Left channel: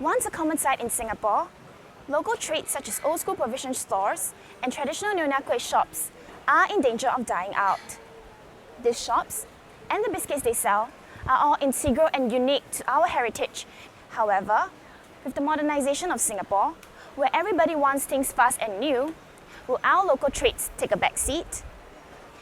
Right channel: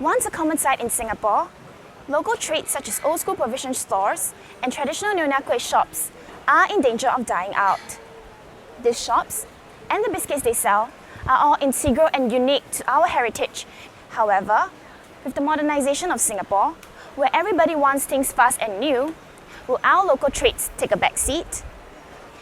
Once a common sight in Singapore, local trades such as old-school provision stores and traditional nyonya kueh shops are in danger of dying out. These shops and the biscuits they sell are all integral and unique to our heritage. However, with the modernization of Singapore, where everybody wants things fast and new, will our local trades take a back seat?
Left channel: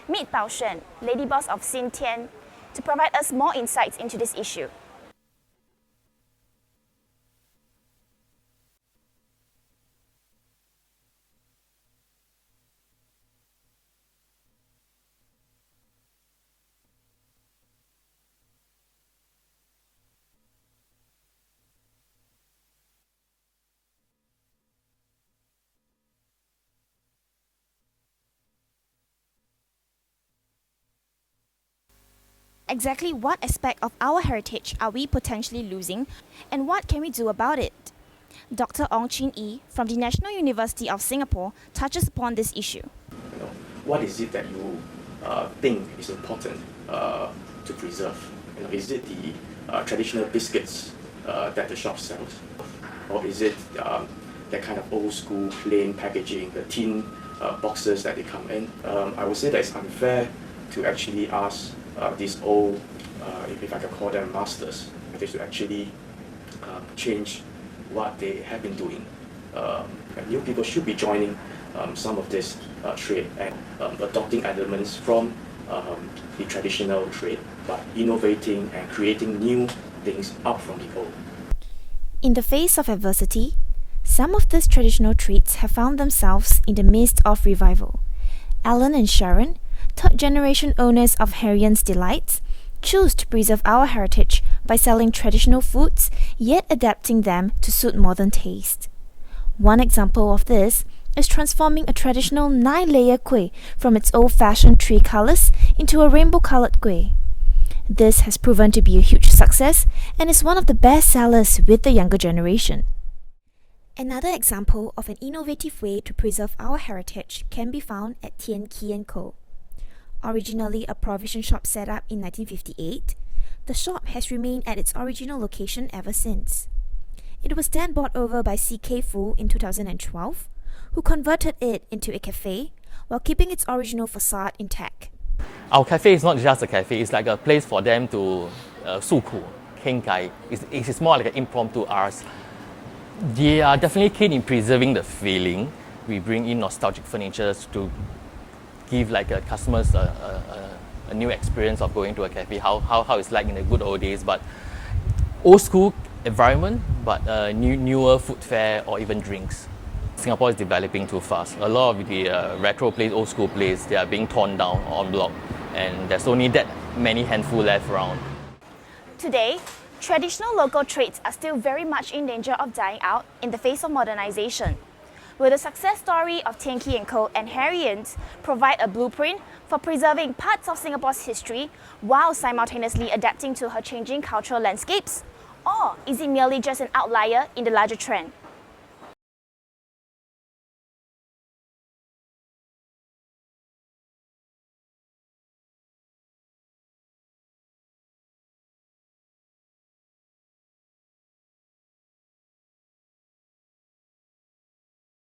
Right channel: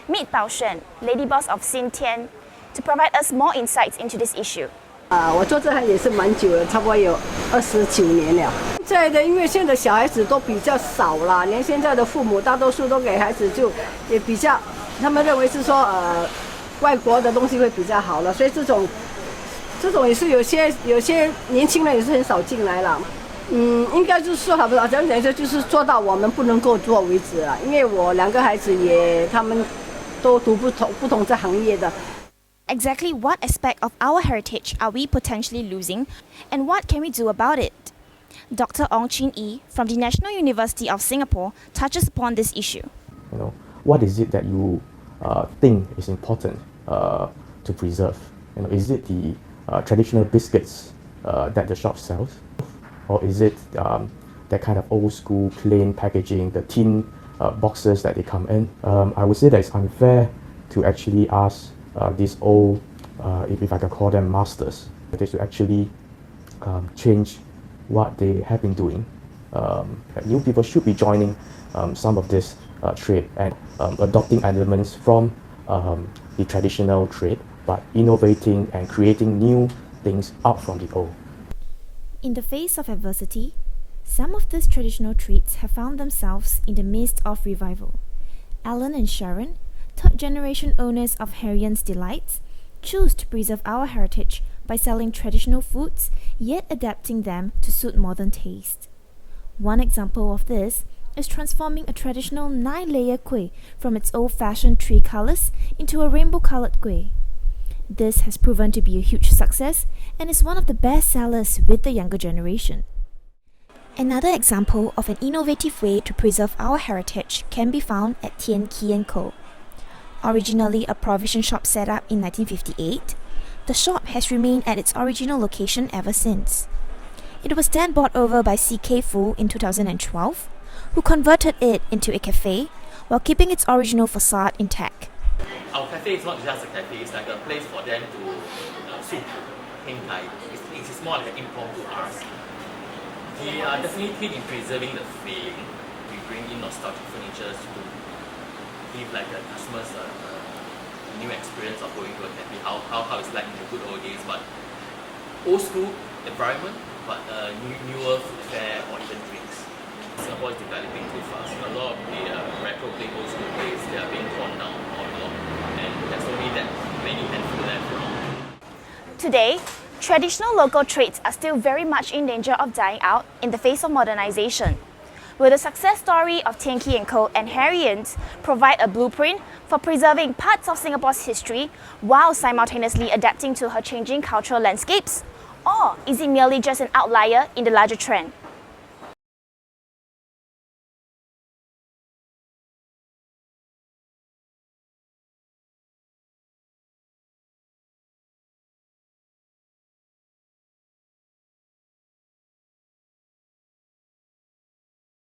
Meet Bao Xuan, lady boss of Xin Tian, to provide us more insights into this issue. 我做这行也是蛮久了，差不多有29年了。现在的因为现在小孩子都比较少啦，连现在的父母大多数都给孩子就也比较，他们认为是说外国的东西会比较好了，所以这种也是有些年轻人也是很少进来了。应该就是说好不好？讲说就是做到我们不能够做为止了，因为我2个孩子他们都读不同这行业的。 Exactly what aspect of our heritage are we potentially losing, and what can we do about it? Dr. Ong Chin Yi from the National University of Singapore touches upon this issue. What is it that you think is important to preserve? Is it the traditional biscuits that the shop sells, or is it that kind of old school plain packaging, the tin boxes that they come in? I would say that it's unfair to actually ask these old, if I can call them masters, they should actually change what they have been doing. New people should be joining some of this trade and adopting elements from the traditional trade, but innovating and creating new things out from the old. In the face of adversity, some of these traditional treats have found themselves in the midst of revival. Alan and Sharon, third-generation owners of Harrian's Delights, choose to preserve our heritage by selling traditional foods, yet adapting them to suit modern taste. One example of this is transforming a traditional 9-layer kueh from its old-fashioned tree colours into a rainbow-coloured kueh. This has proven to be a huge success and is one of the best sellers with the younger generation. Another example of an innovative way to preserve our heritage can be found at Tian Ki & Co. Originally a provision shop set up in 1958, the shop has remained at its original location ever since. It was then bought over by CK Fu in 2012, who converted it into a cafe while keeping its original facade intact. Our cafe is not just a cafe, it's like a place for them to 诉苦, 傾偈. It's more like an impromptu arts. They are definitely keen in preserving the feeling. We bring in nostalgic furniture to give like customers a new experience of going to a cafe, how it's like in the good old days, but old school environment, but newer food fare or even drinks. Singapore is developing too fast. A lot of the retro place, old school place, they are being torn down or blocked, and there's only that many handful left around. Today, traditional local trades are still very much in danger of dying out in the face of modernization. Will the success story of Tian Ki & Co. and Harrian's provide a blueprint for preserving parts of Singapore's history while simultaneously adapting to her changing cultural landscapes? Or is it merely just an outlier in the larger trend?